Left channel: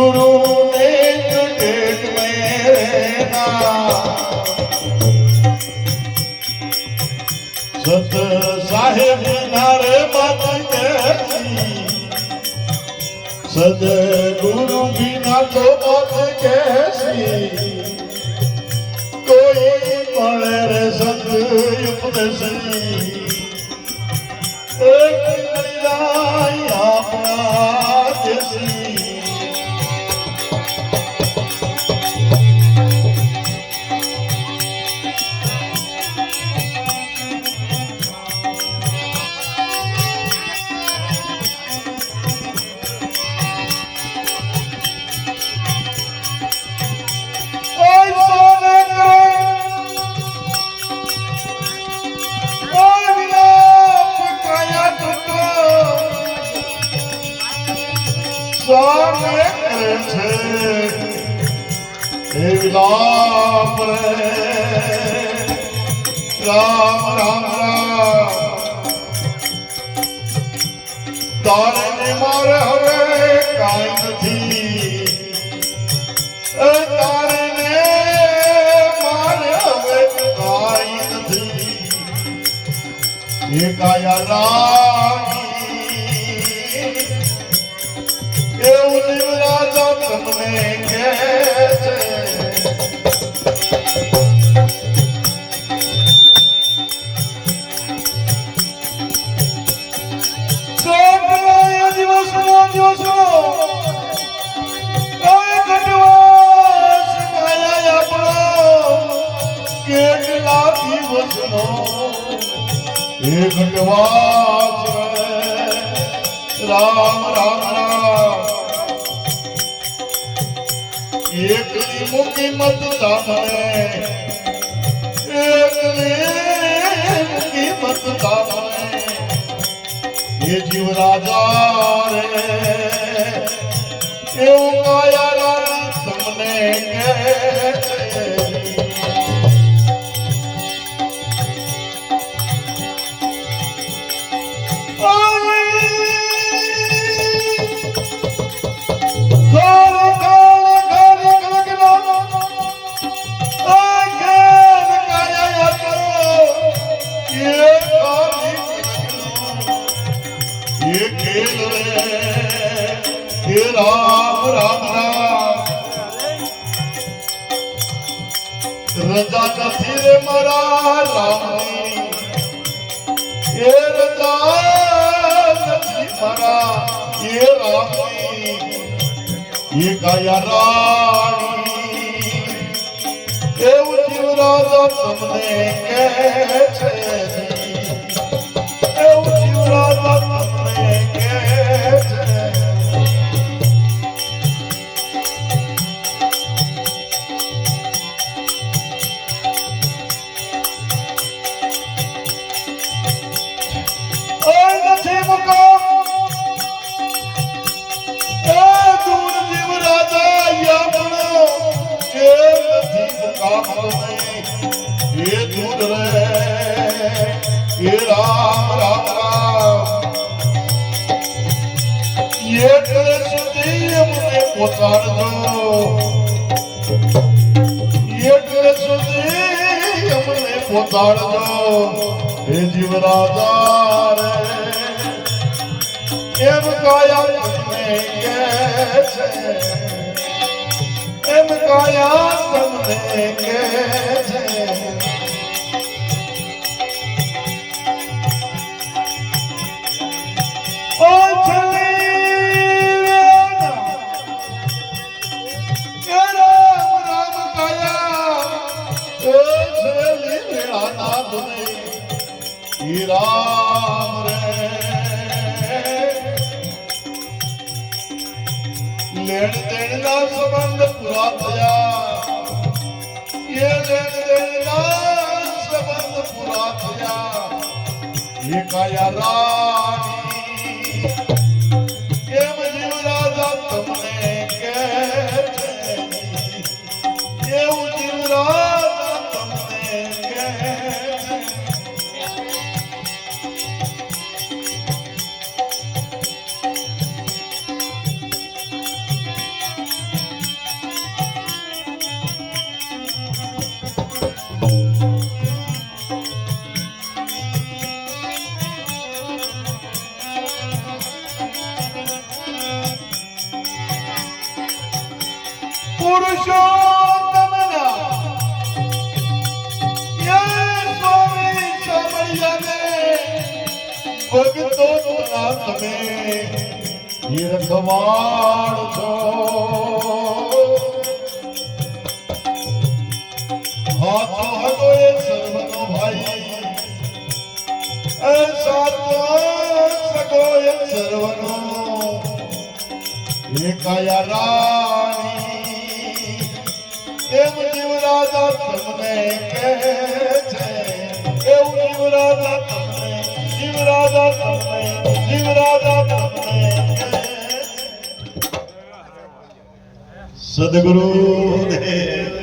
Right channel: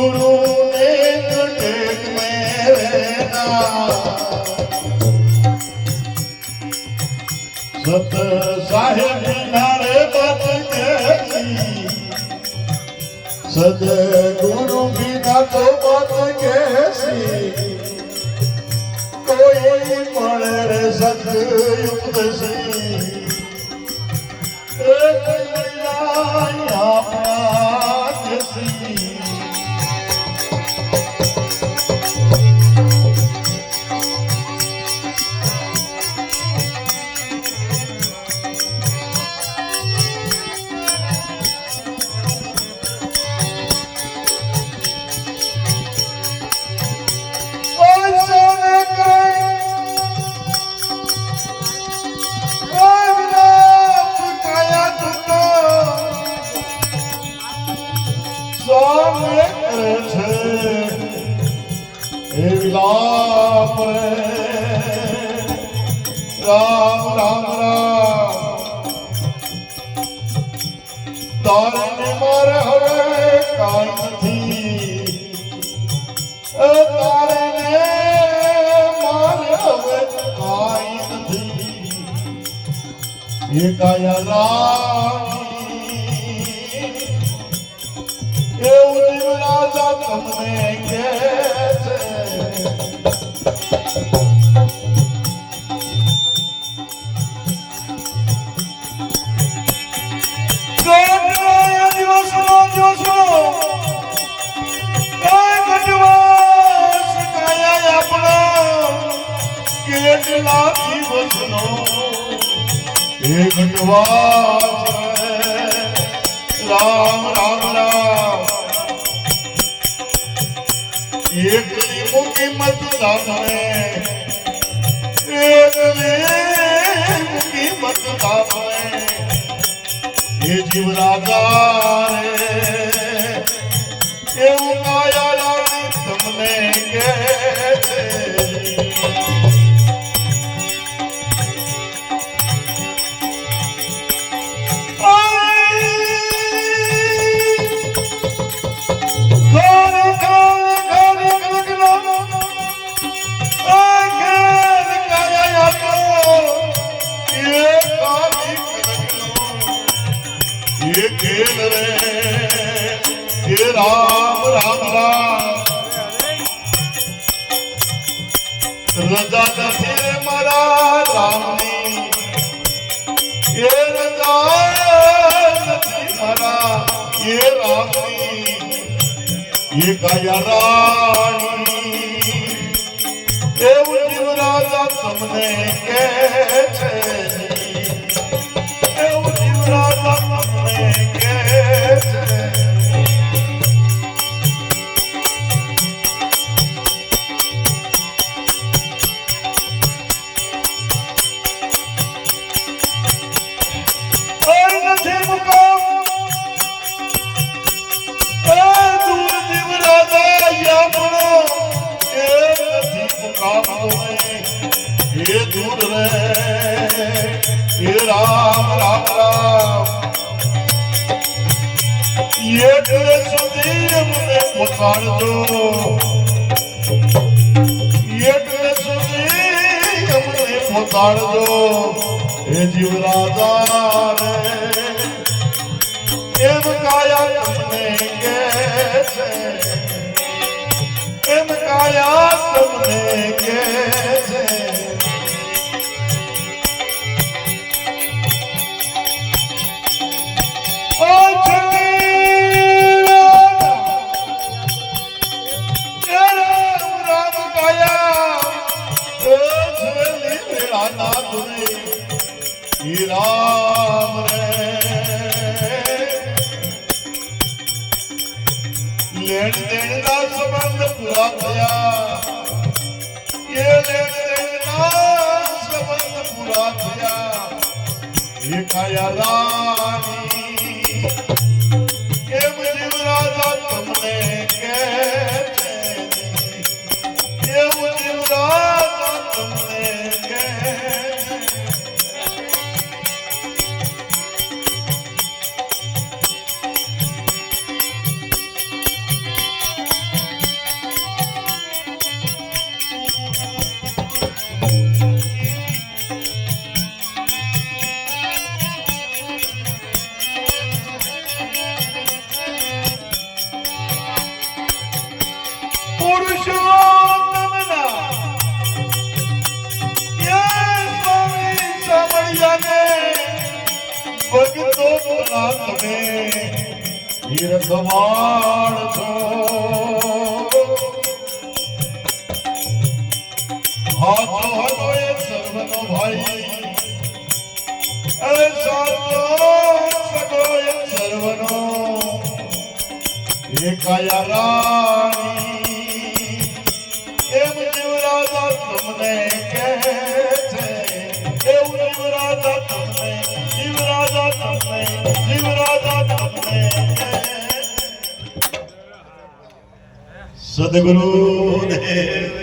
गुरु देख देख मेरे सत साहेब नारे बात कहती सद गुरु बिना तो बात कैसी कोई पड़े रे सत उपदेशी एक मिलाई अपना जैसी राम राम तारे ने मारे हवे काई नहीं तारे ने मारे हवे काई नहीं ये काया रानी ये उदिव राजा तुमने कैसे एक घटवास राम राम राम एक मुखी मत दाने एक मुखी मत दाने ये जीव राजा रे ये काया रानी तुमने कैसे राम राम राम रजा कथिर मरा रामनी ये रजा कथिर मरा ये रामनी ये काया रानी ये जीव राजा तुमने कैसे ये जीव राजा तुमने कैसे ये दूर रे ये राम राम राम ये सुधी हमने पोसाड़ दो ये सुधी हमने पोसाड़ दो ये जीव राजा रे एम काया तुमने कैसे एम काया तुमने कैसे राम रे लेन देन का संबंध पूरा थया ये लेन देन का संबंध पूरा थया ये काया रानी ये जीव राजा तुमने कैसे ये जीव राजा तुमने कैसे તમે તીર્થમાળ છો હાથો હતો એ સર્વનો ભાઈ એ સાચો સગો એ સર્વનો એ કાયા રાણી એમ જીવરાજા તમને કહે છે એવું જીવરાજા તમને સદગુરુ દેવ